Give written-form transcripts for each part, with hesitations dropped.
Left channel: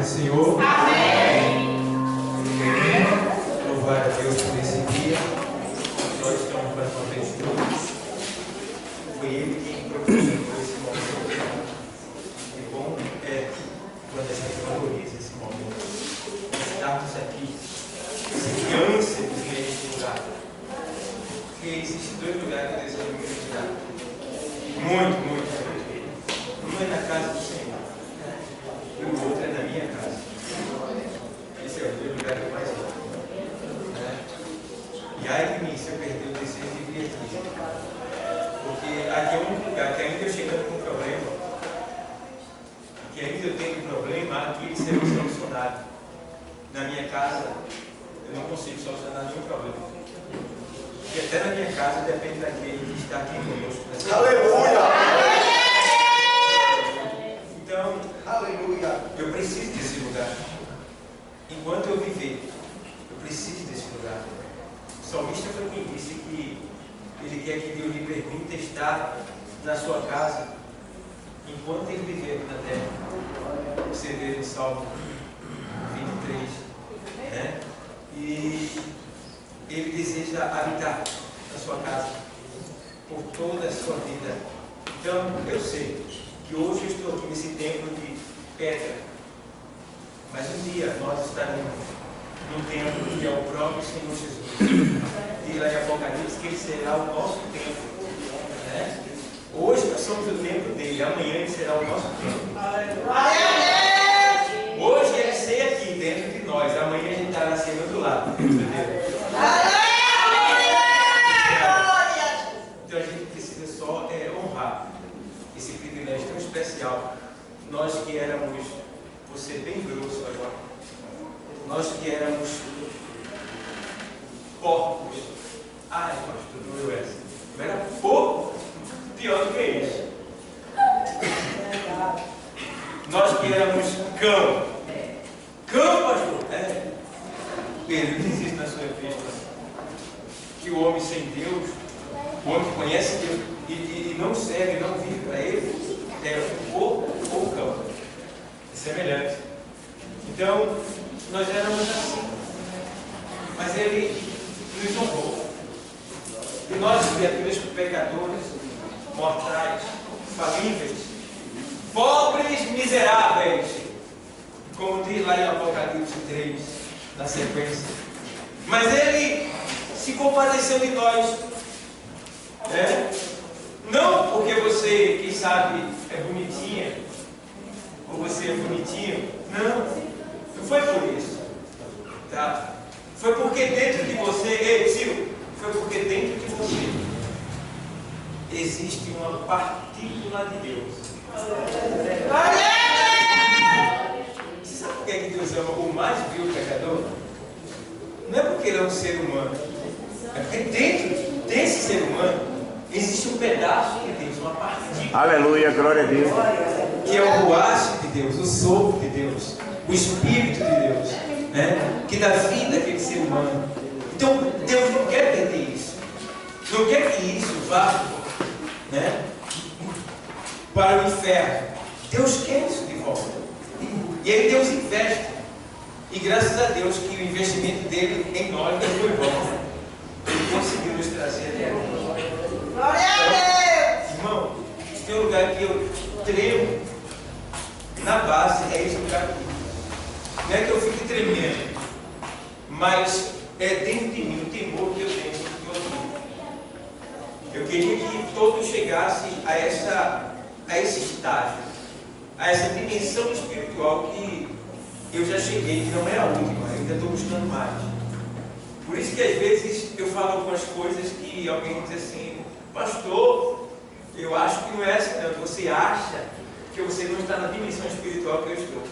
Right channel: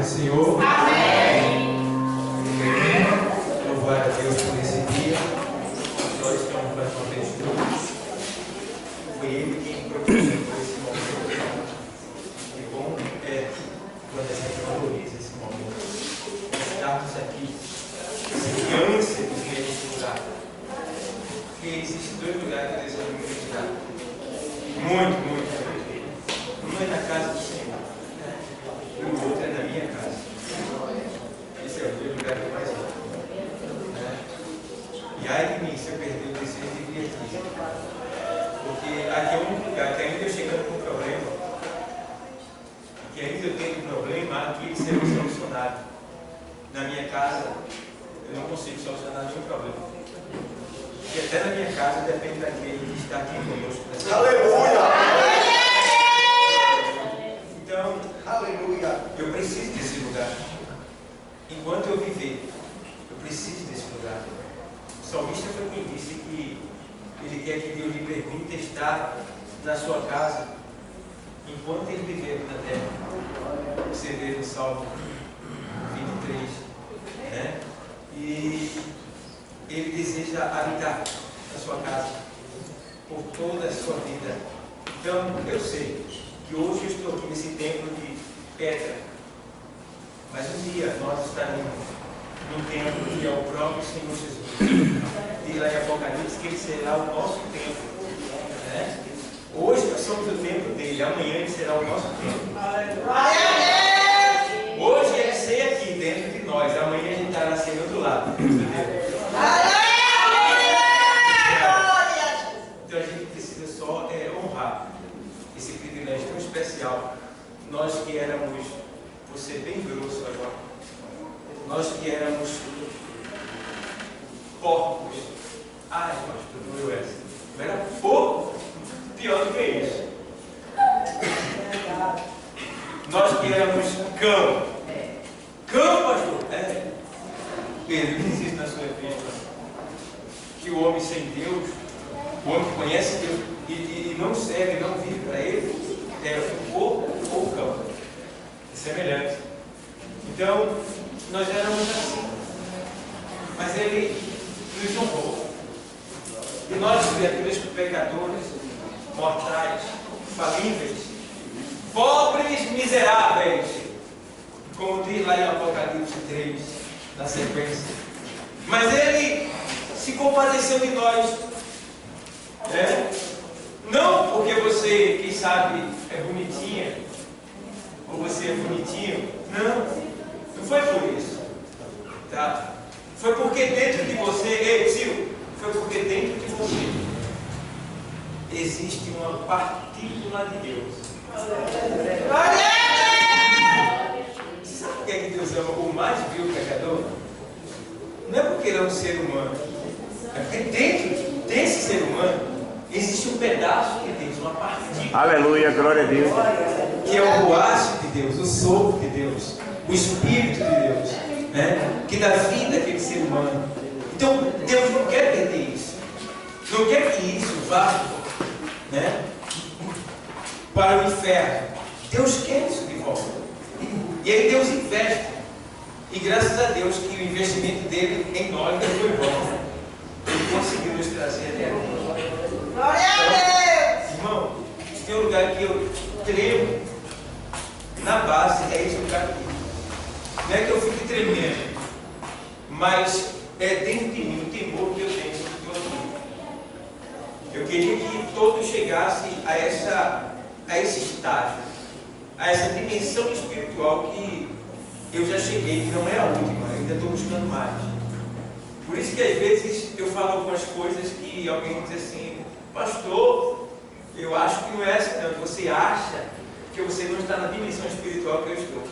do Senhor. Amém. Louvar a Deus por esse dia. Nós estamos mais uma vez juntos. Foi Ele quem proporcionou esse momento. Que bom é quando a gente valoriza esse momento. Estarmos aqui, esse ânsia de vir a esse lugar. Porque existem dois lugares que Deus me visitar. Muito. Um é na casa do Senhor. E o outro é na minha casa. Esse é o lugar que eu mais amo. E ai de mim se eu perder o desejo de vir aqui. Porque aqui é o único lugar que ainda eu chegando com um problema, que ainda eu tenho um problema, aqui ele será solucionado. Na minha casa, eu não consigo solucionar nenhum problema. Porque até na minha casa depende daquele que está aqui conosco. Aleluia! Então, Aleluia! eu preciso desse lugar. Enquanto eu viver, eu preciso desse lugar. O salmista foi quem disse que ele quer que Deus lhe permita estar na sua casa enquanto ele viver aqui na terra. Você vê no Salmo 23, né? E ele deseja habitar na sua casa por toda a sua vida. Então, eu sei que hoje eu estou aqui nesse templo de pedra, mas um dia nós estaremos no templo que é o próprio Senhor Jesus. E lá em Apocalipse que ele será o nosso templo, né? Hoje nós somos o templo dele, amanhã ele será o nosso templo. Hoje ele sei aqui dentro de nós, amanhã ele estará sendo do lado. Entendeu? Então a gente precisa só honrar esse privilégio tão especial. Nós que éramos, vou ser bem grosso agora, nós que éramos porcos. Ai, pastor, doeu essa. Eu era porco, pior do que isso. Nós que éramos cão. Cão, pastor? Pedro diz isso na sua epístola. Que o homem sem Deus, o homem que conhece Deus e não serve, não vive para ele, é um porco ou um cão. É semelhante. Então, nós éramos assim. Mas ele nos honrou. E nós, criaturas pecadores, mortais, falíveis, pobres, miseráveis, como diz lá em Apocalipse 3, na sequência. Mas ele se compadeceu de nós. Não porque você, quem sabe, é bonitinha, ou você é bonitinho. Não foi por isso. Tá? Foi porque dentro de você, Ciro, foi porque dentro de você existe uma partícula de Deus. Você sabe por que Deus ama o mais vil pecador? Não é porque ele é um ser humano, é porque dentro desse ser humano existe um pedaço de Deus, uma partícula. Aleluia, glória a Deus. Que é o ruache de Deus, o sopro de Deus, o Espírito de Deus, né? Que dá vida àquele ser humano. Então, Deus não quer perder isso. Não quer que isso vá, né, para o inferno. Deus quer isso de volta. E aí Deus investe. E graças a Deus que o investimento dele em nós foi bom. Ele conseguiu nos trazer até aqui. Glória a Deus! Irmão, se tem um lugar que eu tremo na base, é esse lugar aqui. Não é que eu fique tremendo, mas é dentro de mim o temor que eu tenho sobre todo mundo. Eu queria que todos chegassem a esse estágio, a essa dimensão espiritual que eu já cheguei, que não é a última, ainda estou buscando mais. Por isso que às vezes eu falo algumas coisas que alguém diz assim: pastor, eu acho que não é assim não. Você acha que você não está na dimensão espiritual que eu estou.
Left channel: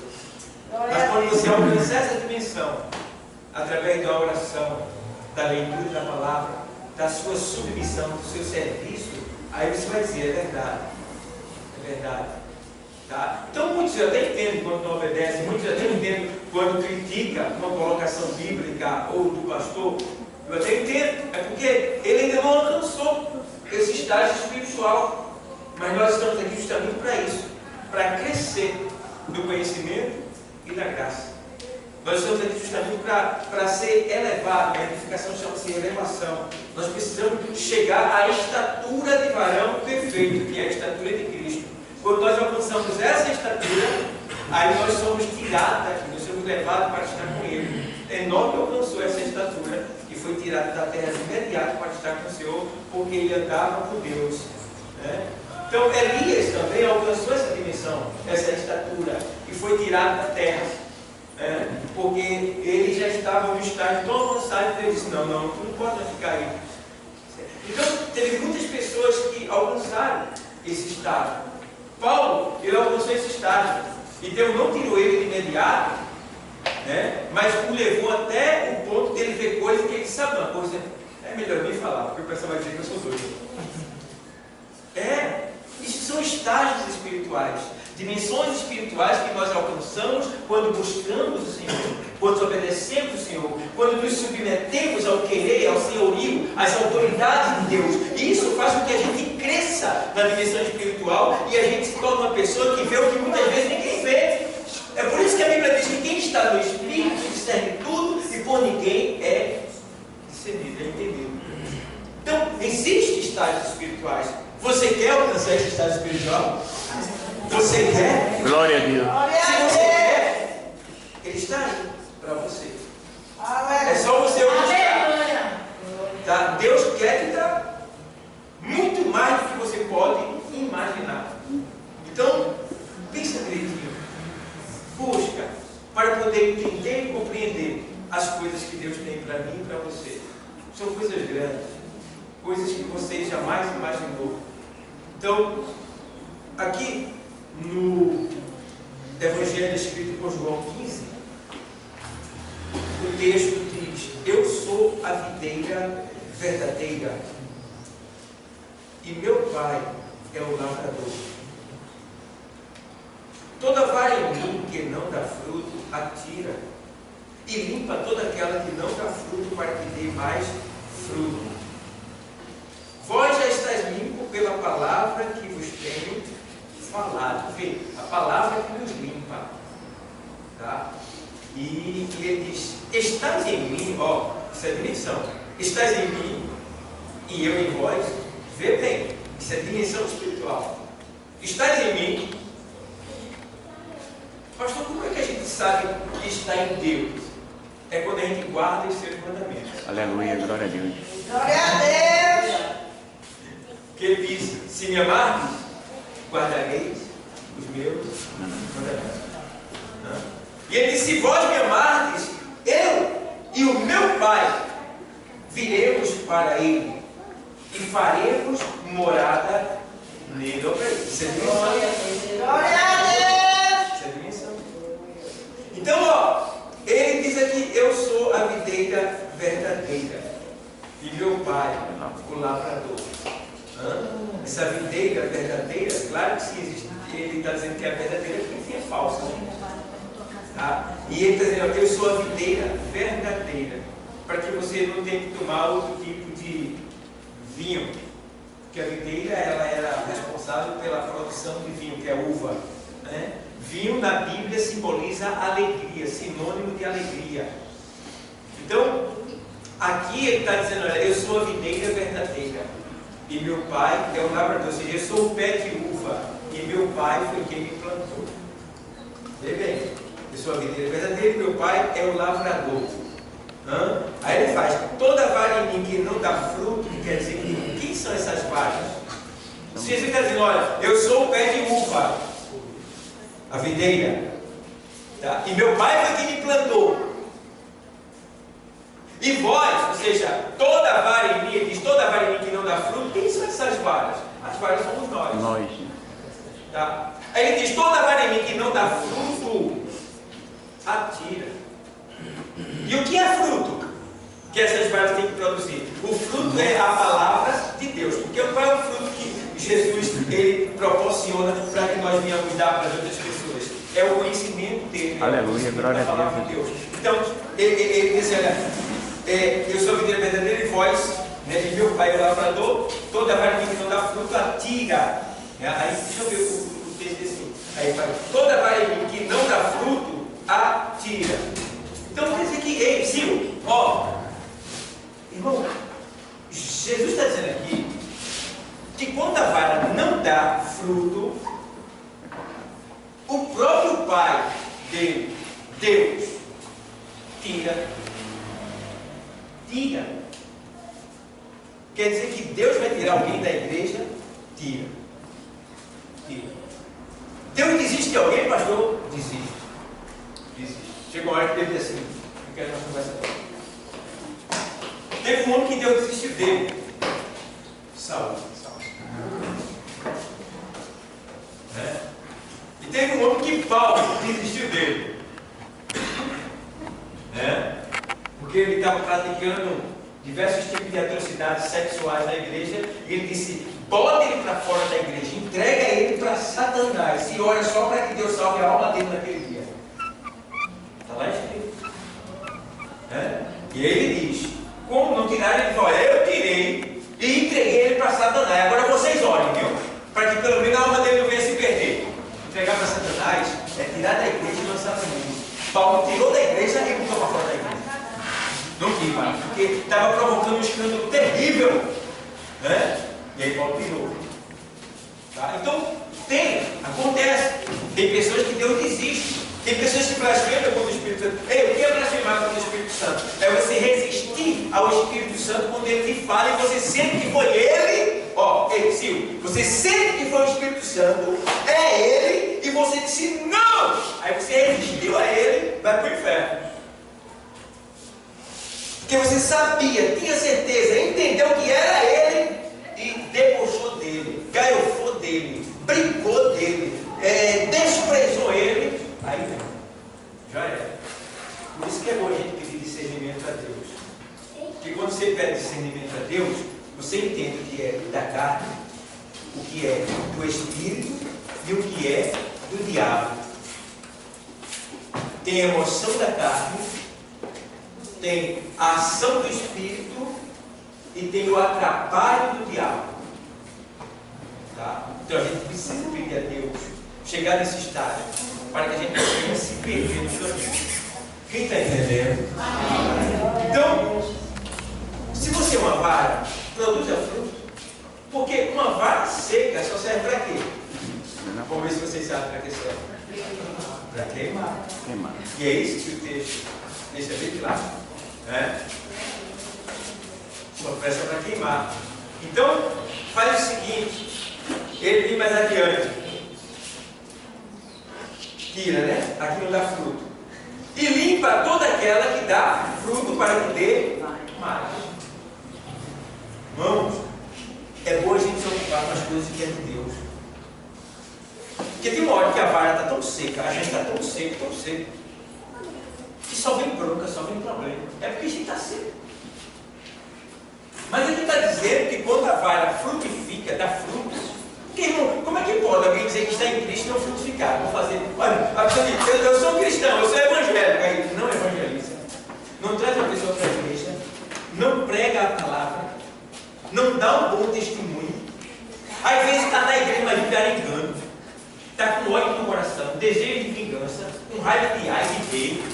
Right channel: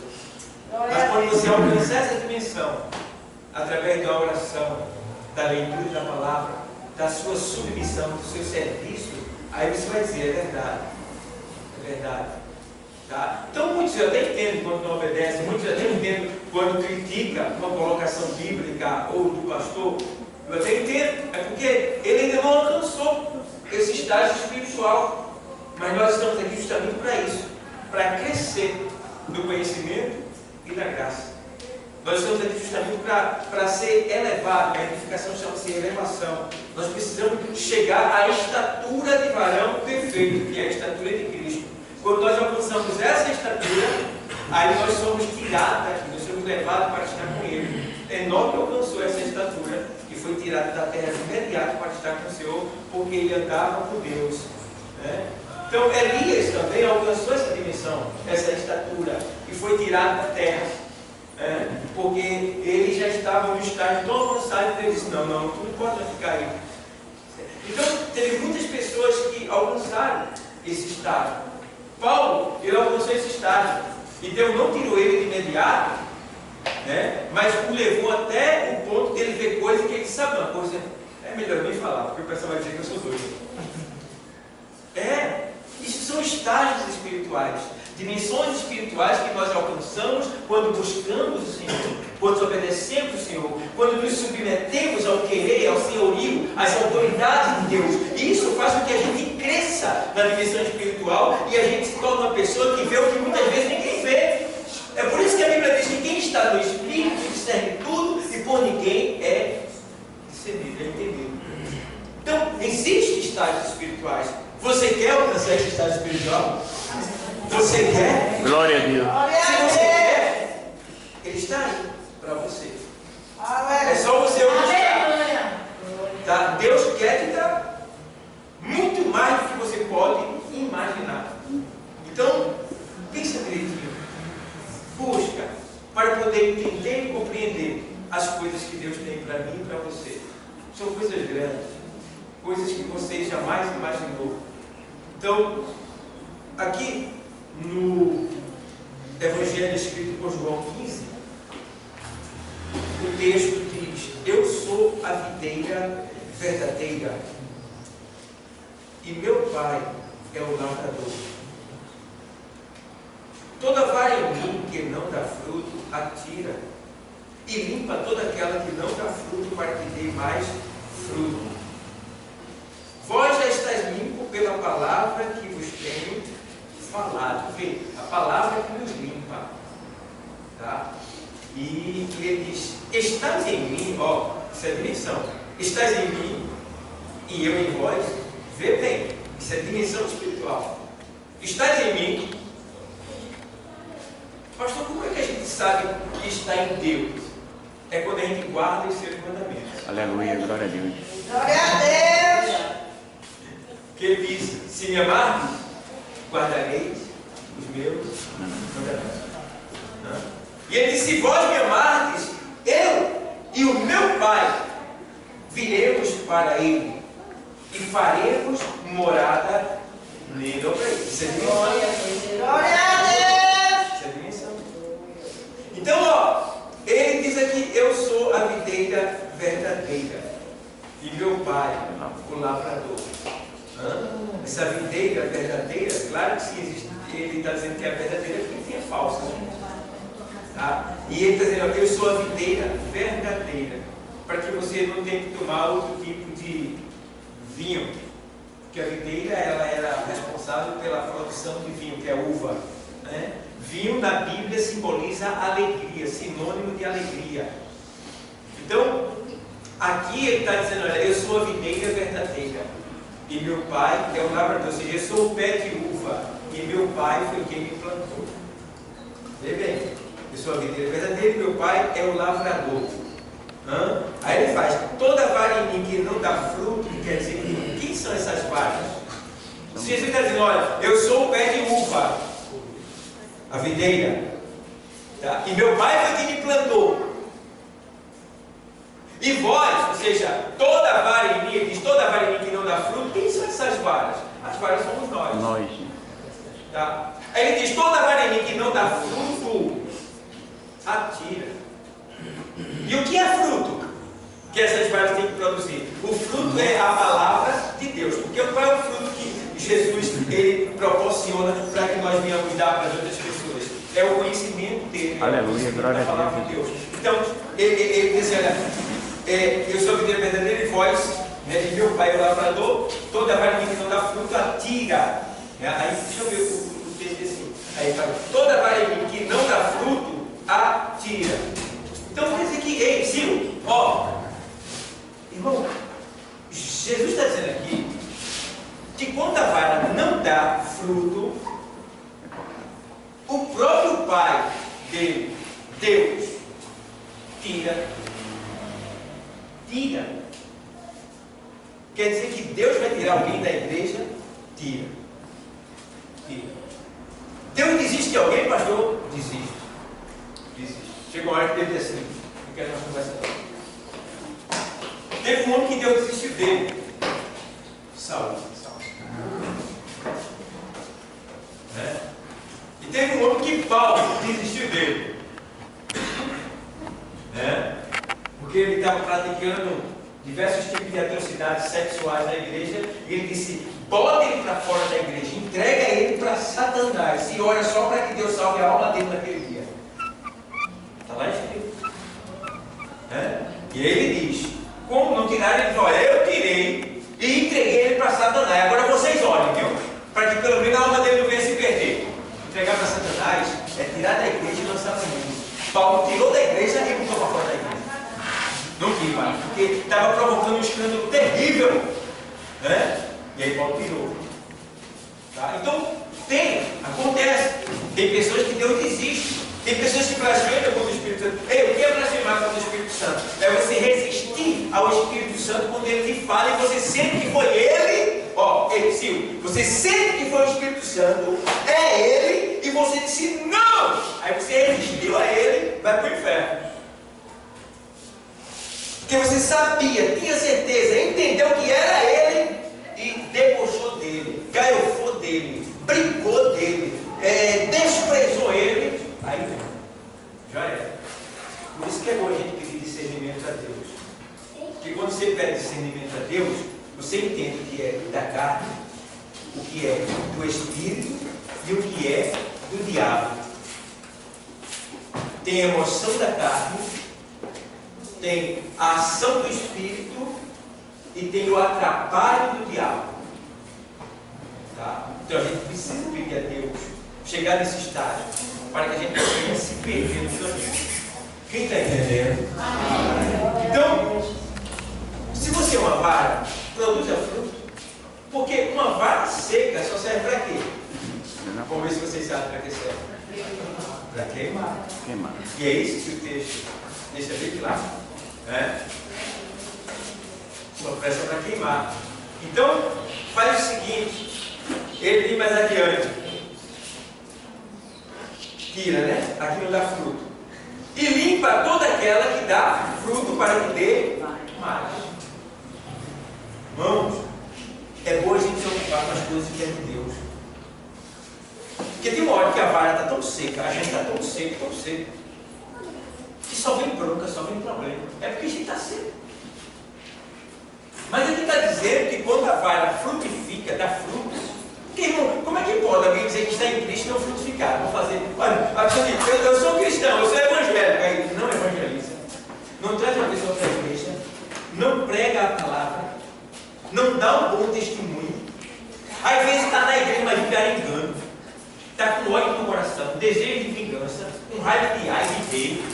Mas quando você alcançar essa dimensão, através da oração, da leitura da palavra, da sua submissão, do seu serviço, aí você vai dizer: é verdade. É verdade. Tá? Então muitos até entendem quando não obedecem, muitos até entendem quando critica uma colocação bíblica ou do pastor. Eu até entendo, é porque ele ainda não alcançou esse estágio espiritual. Mas nós estamos aqui justamente para isso, para crescer no conhecimento e da graça. Nós estamos aqui justamente para ser elevado. A edificação chama-se elevação. Nós precisamos chegar à estatura de varão perfeito, que é a estatura de Cristo. Quando nós alcançamos essa estatura, aí nós somos tirados daqui, nós somos levados para estar com Ele. Enoque alcançou essa estatura e foi tirado da terra de imediato para estar com o Senhor, porque ele andava com Deus, né? Então Elias também alcançou essa dimensão, essa estatura, e foi tirado da terra, porque ele já estava no estágio tão avançado que ele disse: não, tu não pode ficar aí. Então teve muitas pessoas que alcançaram esse estágio. Paulo, ele alcançou esse estágio, e Deus não tirou ele de imediato, né? Mas o levou até o ponto que ele vê coisas que ele sabe uma coisa. É melhor nem falar, porque o pessoal vai dizer que eu sou doido. Isso são estágios espirituais, dimensões espirituais que nós alcançamos quando buscamos o Senhor, quando obedecemos o Senhor, quando nos submetemos ao querer, ao senhorio, às autoridades de Deus. E isso faz com que a gente cresça na dimensão espiritual e a gente se torne uma pessoa que vê o que muitas vezes ninguém vê. É por isso que a Bíblia diz que quem está no Espírito discerne tudo e por ninguém é discernido, é entendido. Então, existem estágios espirituais. Você quer alcançar esse estágio espiritual? Você quer? Glória a Deus. Se você quer, Ele está aí para você. É só você buscar. Tá? Deus quer te dar muito mais do que você pode imaginar. Então, pensa direitinho. Busca para poder entender e compreender as coisas que Deus tem para mim e para você. São coisas grandes, coisas que você jamais imaginou. Então, aqui no Evangelho escrito por João 15, o texto diz: eu sou a videira verdadeira e meu Pai é o lavrador. Toda vara em mim que não dá fruto, atira, e limpa toda aquela que não dá fruto, para que dê mais fruto. Vós já estáis limpos pela palavra que vos tenho falado. Vê, a palavra que nos limpa. Tá? E ele diz: estáis em mim, ó, isso é dimensão. Estáis em mim e eu em vós. Vê bem, isso é dimensão espiritual. Estáis em mim. Pastor, como é que a gente sabe que está em Deus? É quando a gente guarda os seus mandamentos. Aleluia, glória a Deus. Glória a Deus. Que ele diz: se me amardes, guardareis os meus mandamentos. E ele diz: se vós me amardes, eu e o meu Pai viremos para ele e faremos morada nele. Isso é dimensão. Glória a Deus. Isso é dimensão. Então, ó, ele diz aqui: eu sou a videira verdadeira e meu Pai o lavrador. Essa videira verdadeira, claro que sim, existe. Ele está dizendo que é verdadeira porque é falsa. Tá? E ele está dizendo: eu sou a videira verdadeira, para que você não tenha que tomar outro tipo de vinho, porque a videira ela era responsável pela produção de vinho, que é a uva, né? Vinho na Bíblia simboliza alegria, sinônimo de alegria. Então, aqui ele está dizendo: olha, eu sou a videira verdadeira e meu Pai é o lavrador. Ou seja, eu sou o pé de uva e meu Pai foi quem me plantou. Vê bem, eu sou a videira verdadeira e meu Pai é o lavrador. Aí ele faz: toda vara em mim que não dá fruto, que quer dizer que quem são essas varas? Se Jesus está dizendo: olha, eu sou o pé de uva, a videira, tá? E meu Pai foi quem me plantou. E vós, ou seja, toda vara em mim, ele diz: toda vara em mim que não dá fruto, quem são essas varas? As varas somos nós. Nós. Tá? Aí ele diz: toda vara em mim que não dá fruto, atira. E o que é fruto que essas varas têm que produzir? O fruto é a palavra de Deus. Porque qual é o fruto que Jesus ele proporciona para que nós venhamos dar para as outras pessoas? É o conhecimento dele. Aleluia, glória a Deus. Palavra de Deus. Então, ele diz: olha, eu sou a videira verdadeira e vós, né, e meu Pai é o lavrador. Toda vara em mim que não dá fruto, atira. Aí deixa eu ver o texto assim. Aí fala: toda vara em mim que não dá fruto, a tira. Então quer dizer que, ei, Sil, ó, irmão, Jesus está dizendo aqui que quando a vara não dá fruto, o próprio Pai dele, Deus, tira. Quer dizer que Deus vai tirar alguém da igreja? Tira. Deus desiste de alguém, pastor? Desiste. Chega uma hora que Deus diz assim, não quero mais conversa não. Teve um homem que Deus desistiu dele. Saúl. E teve um homem que Paulo desistiu dele. Porque ele estava praticando diversos tipos de atrocidades sexuais na igreja. E ele disse, bota ele para fora da igreja, entrega ele para Satanás e ora só para que Deus salve a alma dele naquele dia. Está lá escrito. E ele diz, como não tiraram, ele diz, olha, eu tirei e entreguei ele para Satanás. Agora vocês olhem, viu? Para que pelo menos a alma dele não venha se perder. Entregar para Satanás é tirar da igreja e lançar para o mundo. Paulo tirou da igreja e botou para fora da igreja. Não quis mais, porque estava provocando um escândalo terrível. E aí Paulo tirou. Tá? Então, acontece. Tem pessoas que Deus desiste. Tem pessoas que blasfemam contra o Espírito Santo. O que é blasfemar contra o Espírito Santo? É você resistir ao Espírito Santo quando ele te fala e você sente que foi ele. Sil, você sente que foi o Espírito Santo, é ele, e você disse não. Aí você resistiu a ele, vai para o inferno. Porque você sabia, tinha certeza, entendeu que era ele e debochou dele, gaiofou dele, brincou dele, desprezou ele. Aí já era. Por isso que é bom a gente pedir discernimento a Deus. Porque quando você pede discernimento a Deus, você entende o que é da carne, o que é do Espírito e o que é do diabo. Tem a emoção da carne, tem a ação do Espírito e tem o atrapalho do diabo. Tá? Então a gente precisa pedir a Deus chegar nesse estágio para que a gente não venha se perder no caminho. Quem está entendendo? Então, se você é uma vara, produza fruto. Porque uma vara seca só serve para quê? Vamos ver se vocês sabem para que serve. Para queimar. E é isso que o texto deixa bem claro. Só presta para queimar. Então, faz o seguinte. Ele vem mais adiante. Tira, aqui não dá fruto. E limpa toda aquela que dá fruto para que dê mais. Irmãos, é bom a gente se ocupar com as coisas que é de Deus. Porque tem uma hora que a vara está tão seca, a gente está tão seco, que só vem bronca, só vem problema. É porque a gente está seco. Mas ele está dizendo que quando a vara frutifica, dá frutos. Porque, irmão, como é que pode alguém dizer que está em Cristo e não frutificar? Vou fazer. Olha, a pessoa diz, eu sou cristão, eu sou evangélico. Aí não evangeliza. Não traz uma pessoa para a igreja. Não prega a palavra. Não dá um bom testemunho. Às vezes está na igreja, mas vive arengando. Está com ódio no coração, desejo de vingança, com raiva de ai, de rei.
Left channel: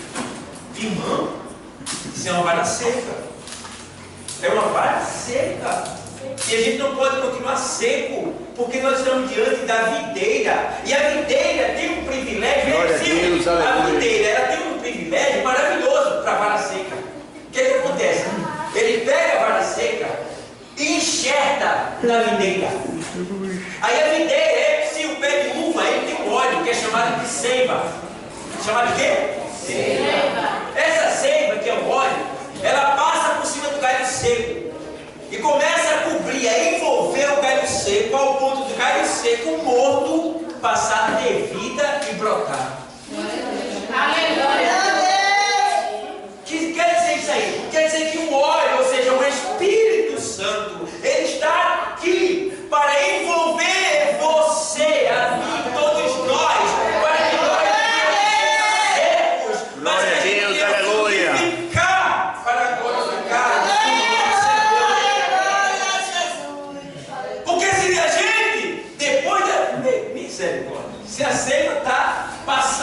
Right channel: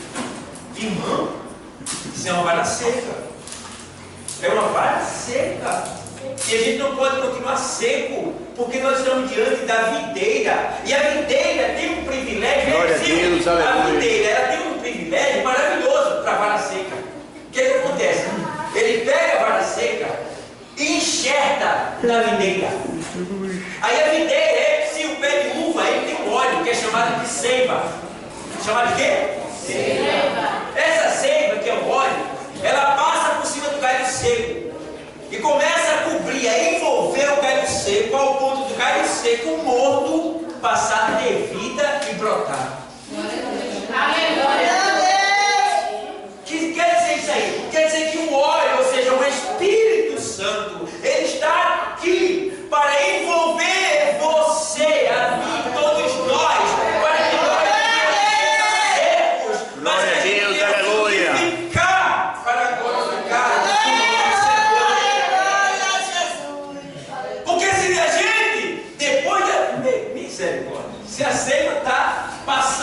Irmão, isso é uma vara seca. É uma vara seca. E a gente não pode continuar seco, porque nós estamos diante da videira. E a videira tem um privilégio. Glória a Deus, a videira ela tem um privilégio maravilhoso para a vara seca. O que acontece? Ele pega a vara seca e enxerta na videira. Aí a videira, se o pé de uva, ele tem um óleo que é chamado de seiva. Chamado de quê? Seiva. Essa seiva, que é o óleo, ela passa por cima do galho seco e começa a cobrir, a envolver o galho seco ao ponto do galho seco morto passar a ter vida e brotar. Aleluia. Que quer dizer isso aí? Quer dizer que o óleo, ou seja, o Espírito Santo, ele está aqui para envolver você, a mim, todos nós, para que nós não sejamos secos, mas que a gente tenha frutificar para glorificar o nosso Senhor. Porque se a gente, depois da misericórdia, se a seiva está passando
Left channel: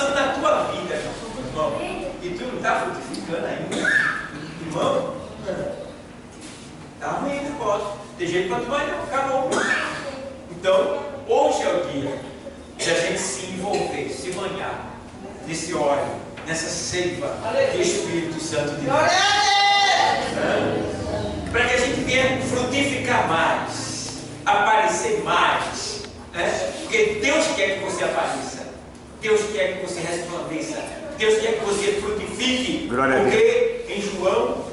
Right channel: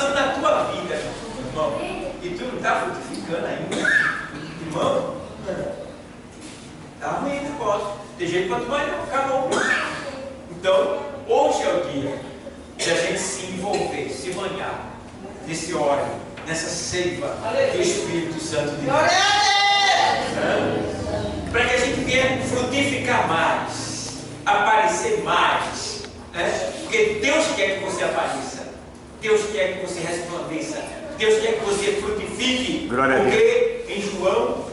e tu não está frutificando ainda, irmão, está ruim o negócio. Tem jeito para tu vai não, acabou. Então, hoje é o dia de a gente se envolver, se banhar nesse óleo, nessa seiva do Espírito Santo de Deus. Para que a gente venha frutificar mais, aparecer mais, né? Porque Deus quer que você apareça, Deus quer que você resplandeça, Deus quer que você frutifique. Porque em João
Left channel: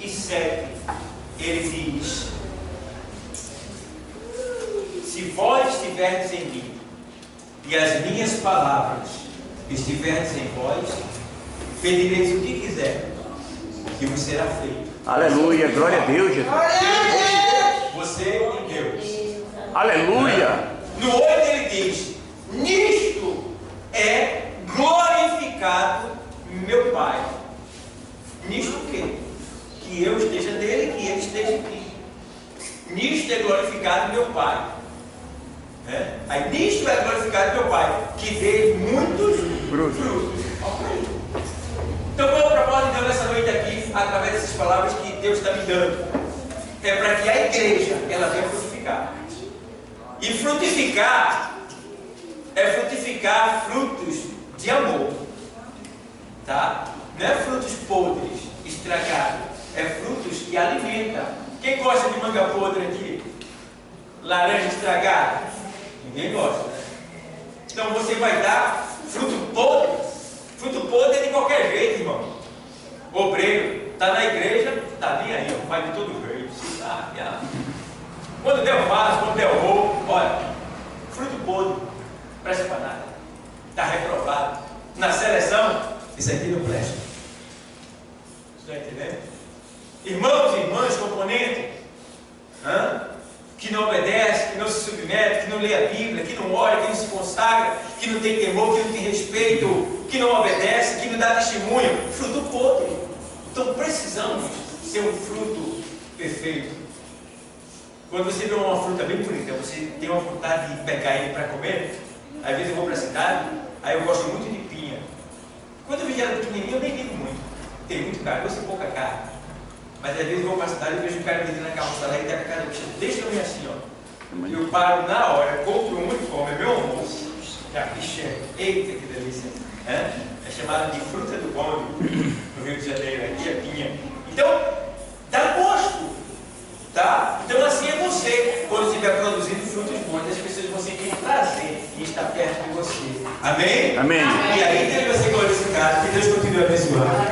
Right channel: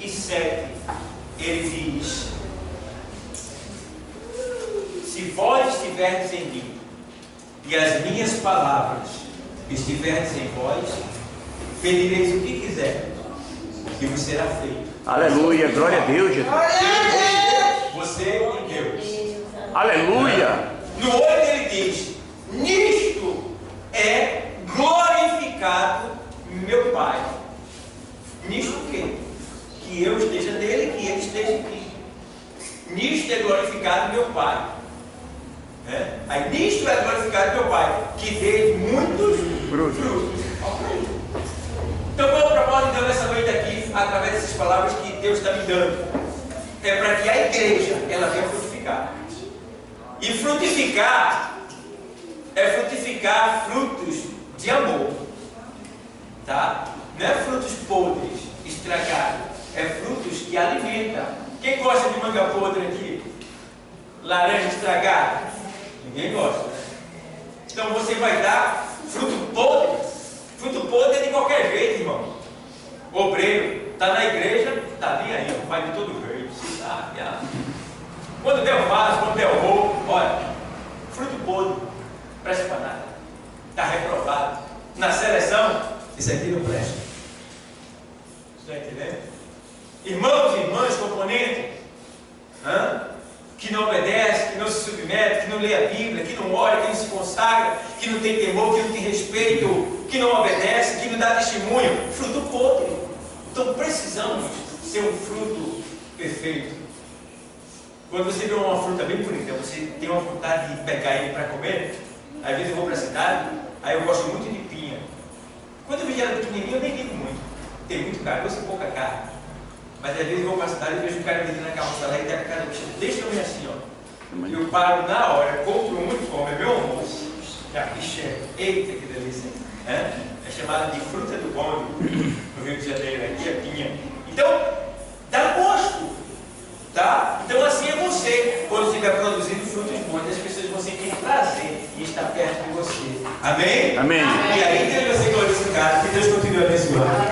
15:7 ele diz: se vós estiverdes em mim e as minhas palavras estiverdes em vós, pedireis o que quiser, que vos será feito. Aleluia, glória a Deus, Jesus. Você e Deus. Aleluia. No 8 ele diz: nisto é glorificado meu Pai. Nisto o quê? Que eu esteja nele, que ele esteja em mim. Nisto é glorificado meu Pai. Aí nisto é glorificado meu Pai, que dê muitos frutos. Então qual é o propósito de Deus nessa noite aqui, através dessas palavras que Deus está me dando? É para que a igreja ela venha frutificar. E frutificar é frutificar frutos de amor, tá? Não é frutos podres, estragados, é frutos que alimentam. Quem gosta de manga podre aqui? Laranja estragada? Ninguém gosta, né? Então você vai dar fruto podre. Fruto podre é de qualquer jeito, irmão. Obreiro está na igreja, está bem aí, ó, vai de todo jeito, se sabe. Quando der o vaso, quando der o roubo, olha, fruto podre, presta para nada, está reprovado. Na seleção, isso aqui não presta. Está entendendo? Irmãos e irmãs, componentes, que não obedece, que não se submete, que não lê a Bíblia, que não ora, que não se consagra, que não tem temor, que não tem respeito, que não obedece, que não dá testemunho, fruto podre. Então precisamos ser um fruto perfeito. Quando você vê uma fruta bem bonita, você tem uma vontade de pegar ele para comer. Às vezes eu vou para a cidade, aí eu gosto muito de pinha. Quando eu vejo ela pequenininha, eu nem ligo muito. Tem muito caroço e pouca carne. Mas às vezes eu vou para a cidade e vejo um cara vendendo na carroça lá e tem a cara bicha desse tamanho assim, ó. Eu paro na hora, compro um e como, é meu almoço. Já bicha, eita que delícia. É chamada de fruta do bonde no Rio de Janeiro, aqui é pinha. Então, dá gosto, tá? Então assim é você, quando estiver produzindo frutos bons, as pessoas vão sentir prazer em estar perto de você. Amém? Amém. E aí Deus vai ser glorificado, que Deus continue abençoando.